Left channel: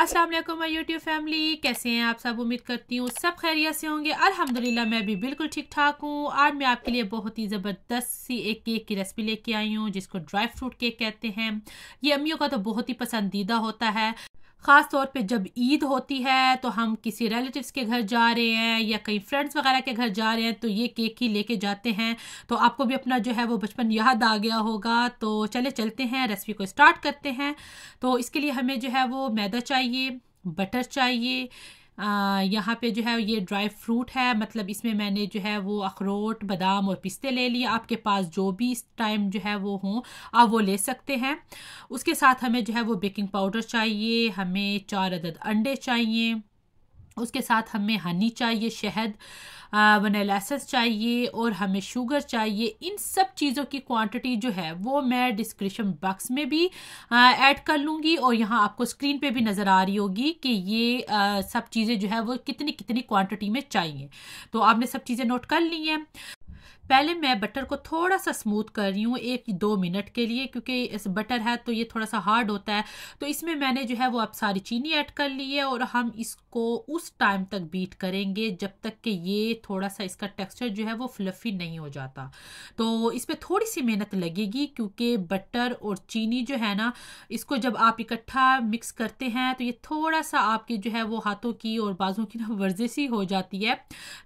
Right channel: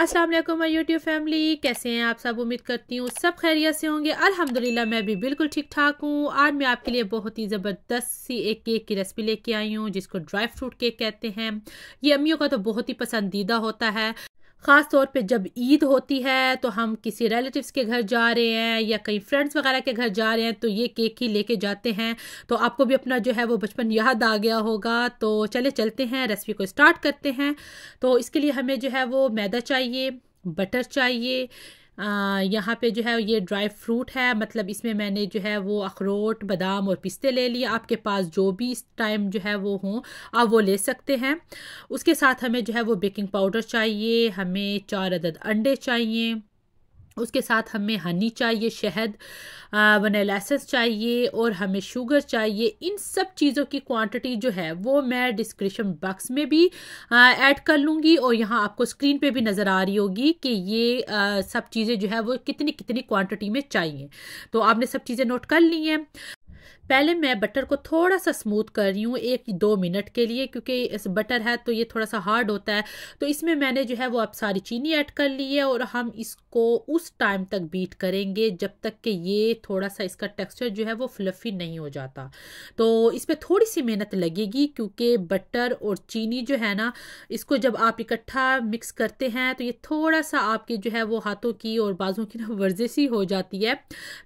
अस्सलाम वालेकुम my YouTube family, कैसे हैं आप सब। उम्मीद करती हूँ सब खैरियत से होंगे। अल्हम्दुलिल्लाह मैं भी बिल्कुल ठीक ठाक हूँ। आज मैं आपके लिए बहुत ही ज़बरदस्त सी एक केक की रेसिपी लेके आई हूँ जिसको ड्राई फ्रूट केक कहते हैं। ये अम्मियों का तो बहुत ही पसंदीदा होता है, ख़ास तौर पे जब ईद होती है तो हम किसी रिलेटिव्स के घर जा रहे हैं या कई फ्रेंड्स वगैरह के घर जा रहे हैं तो ये केक ही लेके जाते हैं। तो आपको भी अपना जो है वो बचपन याद आ गया होगा। तो चले चलते हैं, रेसिपी को स्टार्ट करते हैं। तो इसके लिए हमें जो है वो मैदा चाहिए, बटर चाहिए, यहाँ पे जो है ये ड्राई फ्रूट है, मतलब इसमें मैंने जो है वो अखरोट, बादाम और पिस्ते ले लिए। आपके पास जो भी इस टाइम जो है वो हों आप वो ले सकते हैं। उसके साथ हमें जो है वो बेकिंग पाउडर चाहिए, हमें 4 अदद अंडे चाहिए, उसके साथ हमें हनी चाहिए, शहद, वनीला एसेंस चाहिए और हमें शुगर चाहिए। इन सब चीज़ों की क्वांटिटी जो है वो मैं डिस्क्रिप्शन बॉक्स में भी ऐड कर लूँगी और यहाँ आपको स्क्रीन पे भी नज़र आ रही होगी कि ये सब चीज़ें जो है वो कितनी कितनी क्वांटिटी में चाहिए। तो आपने सब चीज़ें नोट कर ली हैं। पहले मैं बटर को थोड़ा सा स्मूथ कर रही हूँ 1-2 मिनट के लिए, क्योंकि इस बटर है तो ये थोड़ा सा हार्ड होता है। तो इसमें मैंने जो है वो अब सारी चीनी ऐड कर ली है और हम इसको उस टाइम तक बीट करेंगे जब तक कि ये थोड़ा सा इसका टेक्सचर जो है वो फ्लफी नहीं हो जाता। तो इसमें थोड़ी सी मेहनत लगेगी क्योंकि बटर और चीनी जो है ना, इसको जब आप इकट्ठा मिक्स करते हैं तो ये थोड़ा सा आपके जो है वो हाथों की और बाजू की ना वर्जिश ही हो जाती है।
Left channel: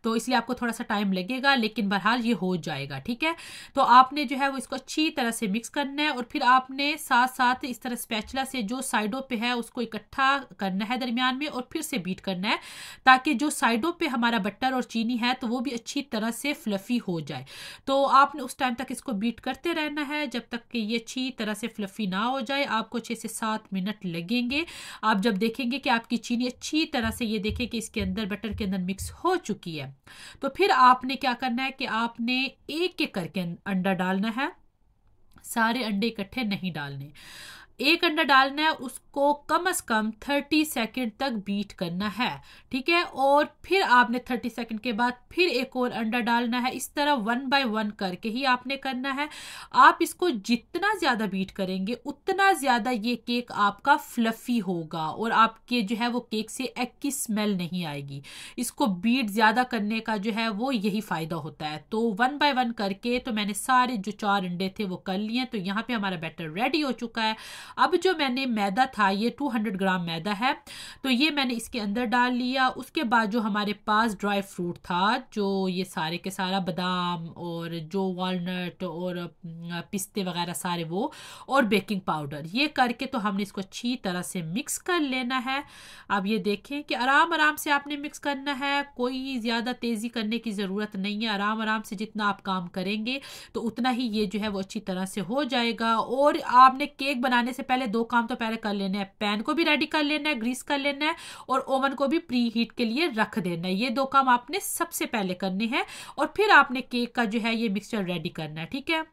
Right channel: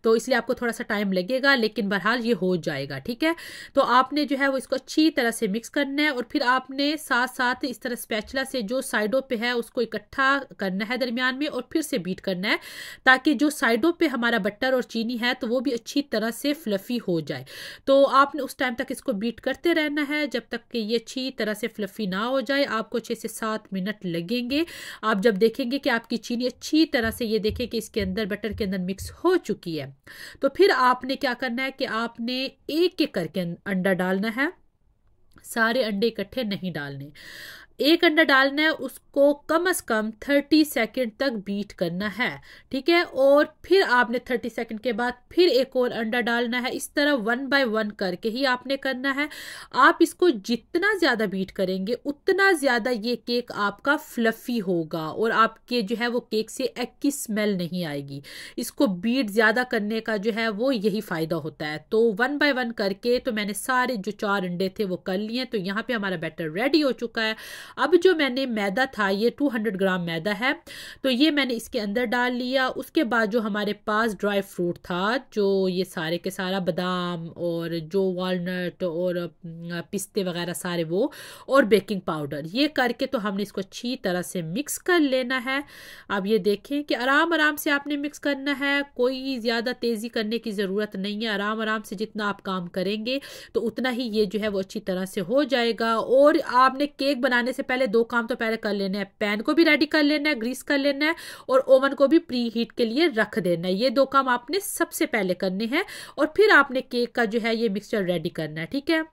तो इसलिए आपको थोड़ा सा टाइम लगेगा, लेकिन बहरहाल ये हो जाएगा, ठीक है। तो आपने जो है वो इसको अच्छी तरह से मिक्स करना है और फिर आपने साथ साथ इस तरह स्पैचुला से जो साइडों पे है उसको इकट्ठा करना है दरमियान में और फिर से बीट करना है, ताकि जो साइडों पे हमारा बटर और चीनी है तो वो भी अच्छी तरह से फ्लफी हो जाए। तो आपने उस टाइम तक इसको बीट करते रहना है जब तक कि ये अच्छी तरह से फ्लफी ना हो जाए। आपको 6 से 7 मिनट लगेंगे। आप जब देखेंगे कि आपकी चीनी अच्छी तरह से, ये देखें कि इसके अंदर बटर के अंदर मिक्स हो चुकी है, तो फिर आपने क्या करना है कि आपने एक एक करके अंडा डालना है। सारे अंडे इकट्ठे नहीं डालने, एक अंडा डालना है, उसको कम से कम 30 सेकंड तक बीट करना है, ठीक है। और फिर आपने 30 सेकंड के बाद फिर एक और अंडा डालना है। इस तरह 1 बाय 1 करके ही आपने करना है। आप इसको जितना ज्यादा बीट करेंगे उतना ज्यादा ये केक आपका फ्लफी होगा और आपके जो है वो केक से एग की स्मेल नहीं आएगी। इसको बीट ज्यादा करने का जो है वो यही फायदा होता है। तो 1 बाय 1 करके तो मैंने सारे जो 4 अंडे थे वो कर लिए। तो यहाँ पे हमारा बैटर रेडी हो चुका है। अब जो मैंने मैदा था, ये 200 ग्राम मैदा है, तो ये मैंने इसके अंदर डाल लिया। उसके बाद जो हमारे पास ड्राई फ्रूट था, जो ये सारे के सारा बादाम और जो वॉलनट और पिस्ते वगैरह सारे वो, और बेकिंग पाउडर, ये करके तो हमने इसको अच्छी तरह से मिक्स कर लेना है। अब ये देखें कि आराम आराम से आपने मिक्स करना है, कोई ज़्यादा तेज़ी करने की ज़रूरत नहीं है। आराम आराम से जितना आप काम करेंगे तो उतना ही ये जो है वो अच्छी तरह से हो जाएगा। और आपने केक बनाने से पहले 2 काम तो पहले कर लेने हैं, पैन को भी रेडी कर लेना है, ग्रीस कर लेना है और ओवन को भी प्री हीट के लिए रख देना है। ये 2 काम आपने सबसे पहले करने हैं और फिर आपने केक का जो है ये मिक्सचर रेडी करना है, ठीक है।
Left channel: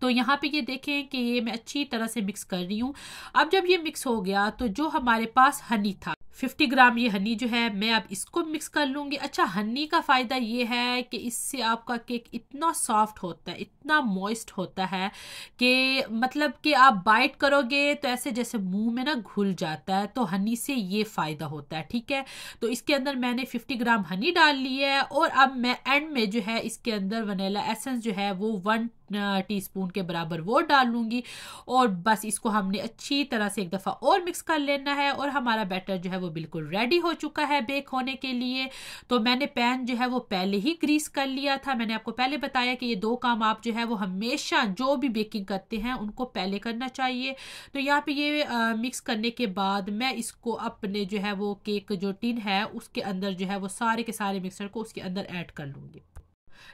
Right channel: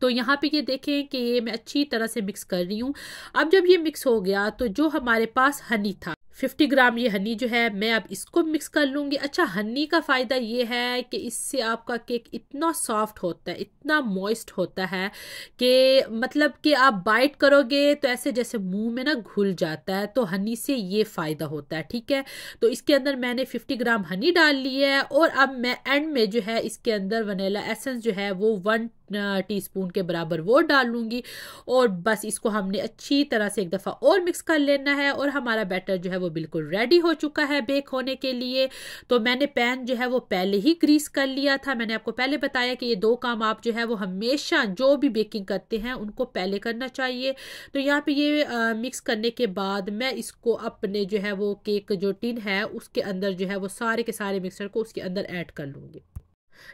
तो यहाँ पे ये देखें कि ये मैं अच्छी तरह से मिक्स कर रही हूँ। अब जब ये मिक्स हो गया तो जो हमारे पास हनी था, 50 ग्राम ये हनी जो है मैं अब इसको मिक्स कर लूँगी। अच्छा, हनी का फ़ायदा ये है कि इससे आपका केक इतना सॉफ्ट होता है, इतना मॉइस्ट होता है कि मतलब कि आप बाइट करोगे तो ऐसे जैसे मुंह में ना घुल जाता है। तो हनी से ये फ़ायदा होता है, ठीक है। तो इसके अंदर मैंने 50 ग्राम हनी डाल ली है और अब मैं एंड में जो है इसके अंदर वनीला एसेंस जो है वो 1 टीस्पून के बराबर वो डाल लूँगी और बस इसको हमने अच्छी तरह से एक दफ़ा और मिक्स कर लेना है और हमारा बैटर जो है वो बिल्कुल रेडी हो चुका है बेक होने के लिए। तो मैंने पैन जो है वो पहले ही ग्रीस कर लिया था। मैंने आपको पहले बताया कि ये 2 काम आप जो है वो हमेशा जो भी बेकिंग करते हैं उनको पहले करना चाहिए। तो यहाँ पे ये मिक्स करने के बाद मैं इसको अपने जो है वो केक जो टिन है उसके अंदर जो है वो सारे के सारे मिक्सर को उसके अंदर ऐड कर लूँगी।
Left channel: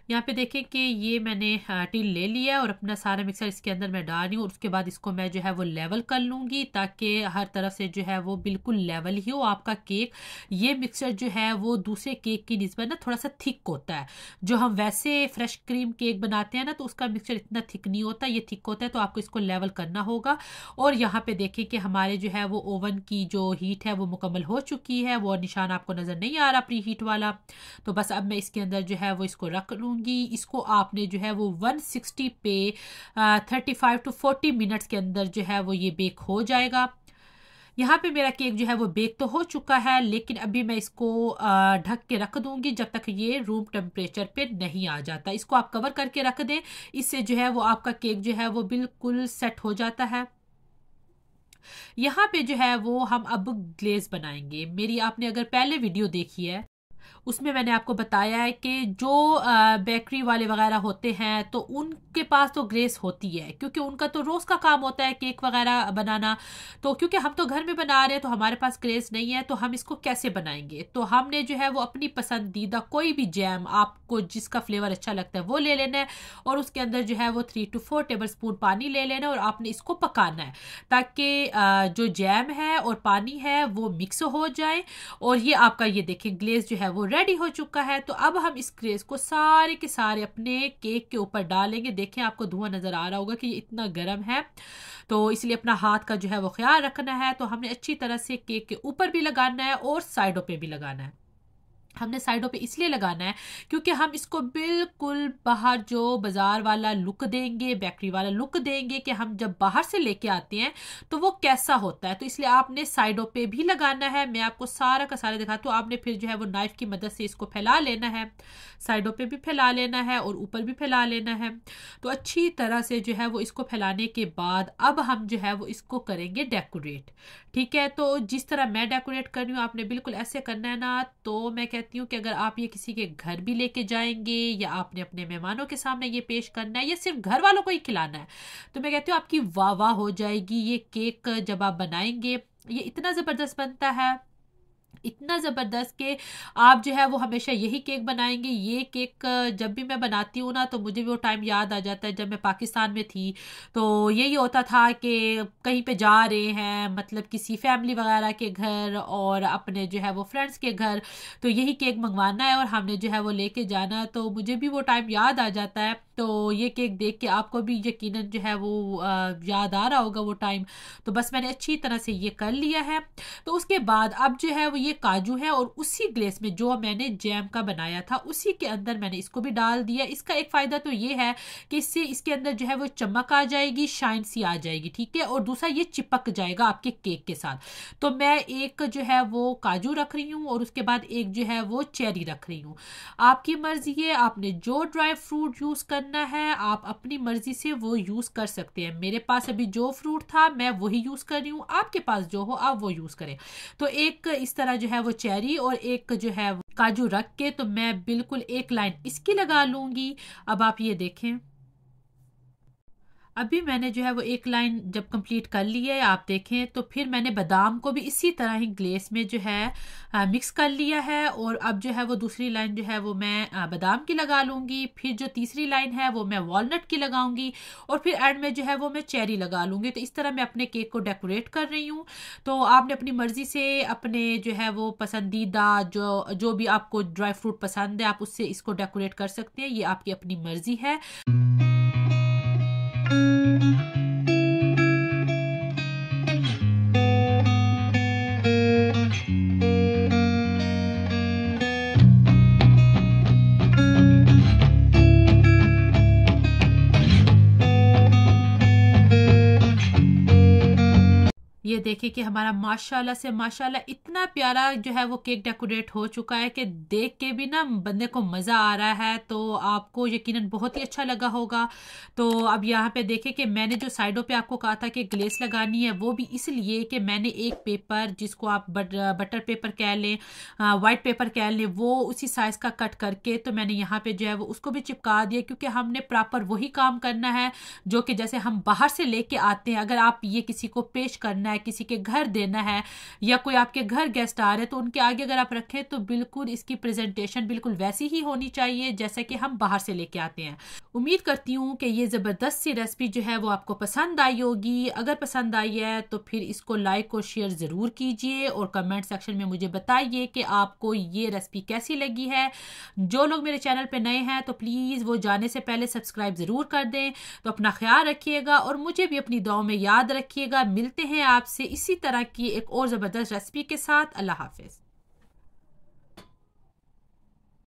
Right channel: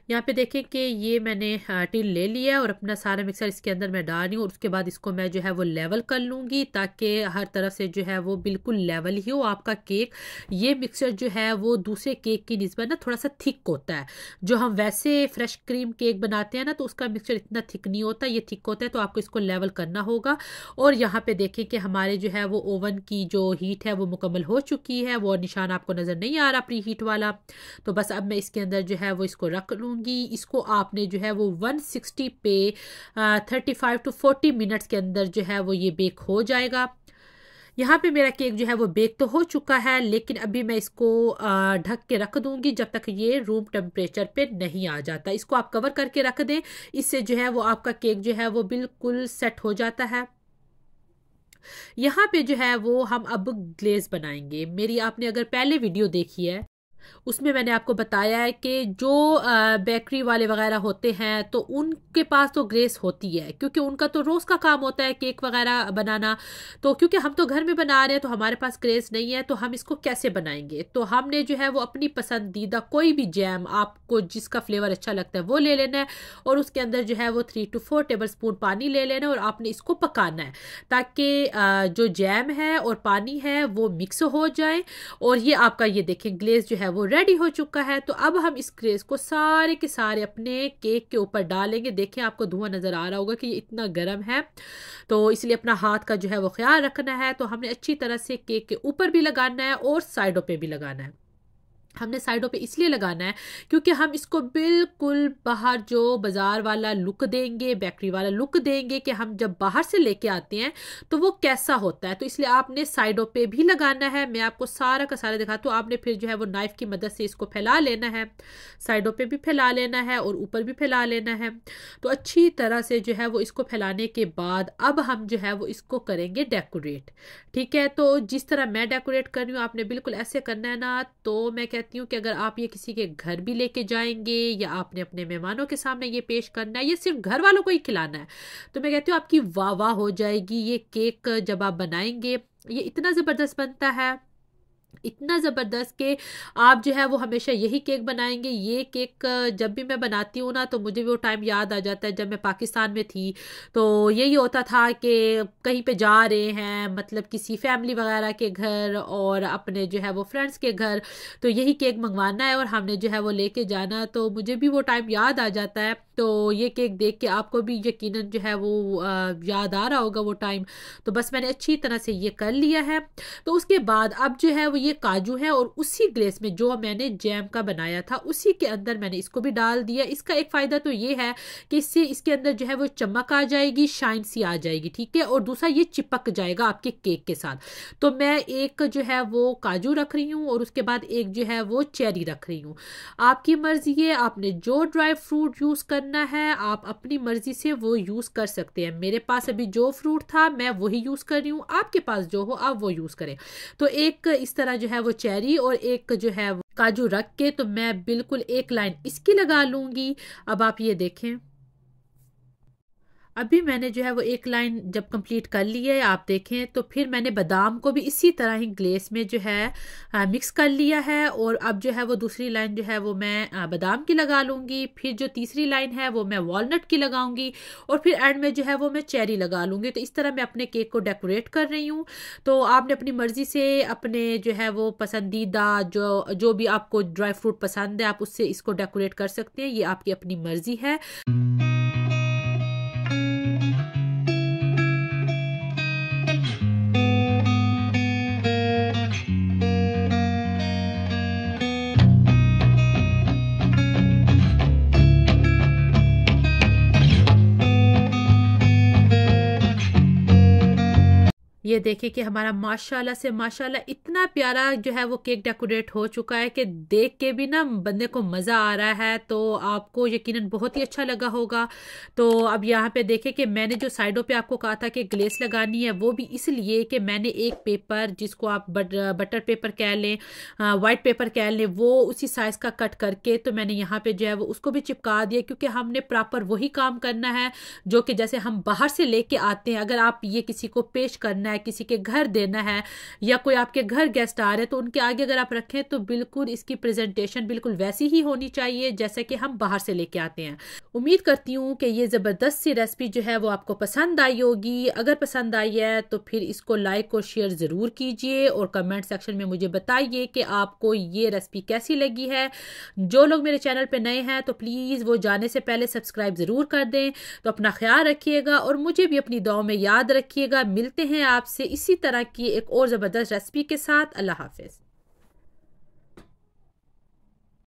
यहाँ पे देखें कि ये मैंने टिन ले लिया और अपना सारा मिक्सर इसके अंदर मैं डाल रही हूँ और उसके बाद इसको मैं जो है वो लेवल कर लूँगी ताकि हर तरफ से जो है वो बिल्कुल लेवल ही हो आपका केक। ये मिक्सर जो है वो दूसरे केक की निस्बत ना थोड़ा सा थिक होता है। जो हम वैसे फ्रेश क्रीम केक बनाते हैं ना तो उसका मिक्सर इतना थिक नहीं होता, ये थिक होता है। तो आपको इसको लेवल करना होगा। और यहाँ पे देखें कि हमारे जो है वो ओवन की जो हीट है वो मुकम्मल हो चुकी है, वो निशान आपको नज़र नहीं आ रहा प्री हीट वाला। तो बस अब मैं इसके अंदर जो है वो इसको रख लूँगी। इसको आपने जो है वो 160 पे 35 to 40 मिनट्स के अंदर जो है वो ये बेक हो जाएगा। यहाँ पे मेरा केक जो है वो बेक तो हो चुका है, लेकिन अभी मैं इसको ढक के रख दूंगी जब तक ये रूम टेम्परेचर पे नहीं आ जाता। इसको आप कवर करके रख दें, इससे जो है वो आपका केक जो है वो बिल्कुल सेट हो जाता है। यहाँ पे जो है वो हम अब ग्लेज बनाएंगे। मेरी आपने अगर पहले वीडियो देखी है उसमें मैंने आपको बताया है कि जो बेकरी वाले वगैरह होते हैं तो उनके पास तो ग्लेस होती है, क्योंकि उनका तो रोज़ का काम होता है केक वगैरह बनाना। तो क्योंकि हम तो घर में बना रहे हैं तो हमारे पास ग्लेस नहीं है, तो हम इसको कैसे बनाएंगे। तो हमने जो है वो अपनी पसंदीदा कोई भी जैम, आपको जिसका फ्लेवर अच्छा लगता है वो ले लेना है, और उसके अंदर जो है वो 3 to 4 टेबलस्पून पानी ले लेना है, और आपने इसको पकाना है ताकि जो जैम है और पानी है वो मिक्स हो जाए। और ये आपका ये देखें ग्लेस जो है वो रेडी हो चुका है। तो अब हम इस ग्लेस को सारे के सारे अपने केक के ऊपर डालेंगे। देखें आपको धुआं नजर आ रहा होगा कि ये इतना गर्म है, तो इसलिए अपना हाथ का जो है वो ख्याल रखना है। तो हमने अच्छी तरह से केक के ऊपर भी लगाना है और साइडों पे भी लगाना है। हमने साइडों पे इसलिए लगाना है क्योंकि हम इसको बिल्कुल बाहर जो बाजार वाला लुक देंगे, बेकरी वाला लुक देंगे कि हम जब बाहर से लेके आते हैं तो वो कैसा होता है। तो इसलिए आपने साइडों पे भी लगाना है। मैं आपको सारा का सारा दिखाती हूँ। आपने फिर जो है वो नाइफ की मदद से इसको फैला लेना है, साइडों पे भी फैला लेना है और ऊपर भी फैला लेना है। तो अच्छी तरह से जो है वो इसको फैलाने के बाद अब हम जो है वो इसको करेंगे डेकोरेट। ठीक है, तो जिस तरह मैं डेकोरेट कर रही हूँ आपने बिल्कुल ऐसे करना है ना। तो मैं कहती हूँ कि अगर आप ये किसी के घर भी लेके जाएंगे या आपने अपने मेहमानों के सामने ये पेश करना है या सिर्फ घर वालों को ही खिलाना है, तो मैं कहती हूँ आपकी वाह वाह हो जाएगी। ये केक जब आप बनाएंगे ये इतना ज़बरदस्त बनता है, इतना ज़बरदस्त कि आप जो है वो हमेशा यही केक बनाएंगे। ये केक जब भी मैं बनाती हूँ ना तो मुझे वो टाइम याद आ जाता है जब मैं पाकिस्तान में थी। तो यही होता था कि कहीं पे जा रहे हैं, मतलब किसी फैमिली वगैरह के घर और अपने जो है वो फ्रेंड्स के घर, तो यही केक मंगवाना है और हमने जो है वो लेके जाना। तो मुझे भी वो टाइम याद आ जाता है। तो ये केक देख के आपको भी यकीनन जो है वो याद आ रहा होगा वो टाइम। तो बस मैंने अच्छी तरह से ये कर लिया है। तो उसके बाद अब जो है वो ये काजू है और उसी ग्लेस में जो मैंने जैम का बनाया था उसी के अंदर मैंने इसको भी डाल दिया। इसका एक फ़ायदा तो ये है कि इससे इसके अंदर जो है वो चमक आ जाएगी, शाइन सी आ जाएगी। ठीक है, और दूसरा ये चिपक जाएगा आपके केक के साथ। तो मैं एक जो है वो काजू रख रही हूँ और उसके बाद एक जो है वो चेरी रख रही हूँ। आपकी मर्जी है, आपने जो ड्राई फ्रूट यूज़ करना है आप अपनी मर्जी से वो यूज़ कर सकते हैं। मेरे पास अभी जो फ्रूट था मैं वही यूज़ कर रही हूँ, आपके पास जो हो आप वो यूज़ करें। तो एक इस तरह जो है वो चेरी और एक जो है काजू रख के तो मैं बिल्कुल एक लाइन इसकी लगा लूंगी। अब आप ये देखें, अभी मैंने जो है वो एक लाइन जब कंप्लीट कर ली है आप देखें, तो फिर मैंने बादाम को भी इसी तरह ही ग्लेस में जो है मिक्स कर लिया है। और अब जो है वो दूसरी लाइन जो है वो मैं बादाम की लगा लूँगी, फिर जो तीसरी लाइन है वो मैं वॉलनट की लगाऊंगी और फिर एंड में जो है वो मैं चेरी लगा लूँगी। तो इस तरह मैं अपने केक को डेकोरेट कर रही हूँ। तो आपने अपनी मर्ज़ी से अपने जो है वो पसंदीदा जो भी आपको ड्राई फ्रूट पसंद है आप उससे इसको डेकोरेट कर सकते हैं, ये आपकी अपनी मर्ज़ी है। ये देखिए कि हमारा माशाल्लाह से माशाल्लाह इतना प्यारा जो है वो केक डेकोरेट हो चुका है कि देख के भी ना बंदे को मज़ा आ रहा है। तो आपको यकीनन बहुत ही अच्छा लगा होगा। तो अब यहाँ पे देखें कि मैंने जो साइडों पे आपको कहा था कि ग्लेस लगानी है वो भी इसलिए कि मैंने एक पेपर जिसको आप बटर पेपर कह लें, वाइट पेपर कह लें, वो उसी साइज़ का कट करके तो मैंने यहाँ पे जो है वो उसको भी चिपका दिया, क्योंकि हमने प्रॉपर वही काम करना है जो कि जैसे हम बाहर से लेके आते हैं। अगर आप ये किसी को पेश करना है, किसी के घर देना है या कोई आपके घर गेस्ट आ रहे हैं तो उनके आगे अगर आप रखें तो बिल्कुल इसकी प्रेजेंटेशन बिल्कुल वैसी ही होनी चाहिए जैसे कि हम बाहर से लेके आते हैं। उम्मीद करती हूँ कि ये ज़बरदस्त सी रेसिपी जो है वो आपको पसंद आई होगी। अगर पसंद आई है तो फिर इसको लाइक और शेयर ज़रूर कीजिए और कमेंट सेक्शन में मुझे बताइए कि आपको ये रेसिपी कैसी लगी है। जो लोग मेरे चैनल पे नए हैं तो प्लीज़ वो जाने से पहले सब्सक्राइब ज़रूर कर दें। तो अपना ख्याल रखिएगा और मुझे भी अपनी दुआओं में याद रखिएगा। मिलते हैं आपसे इसी तरह की एक और ज़बरदस्त रेसिपी के साथ। अल्लाह हाफ़िज़।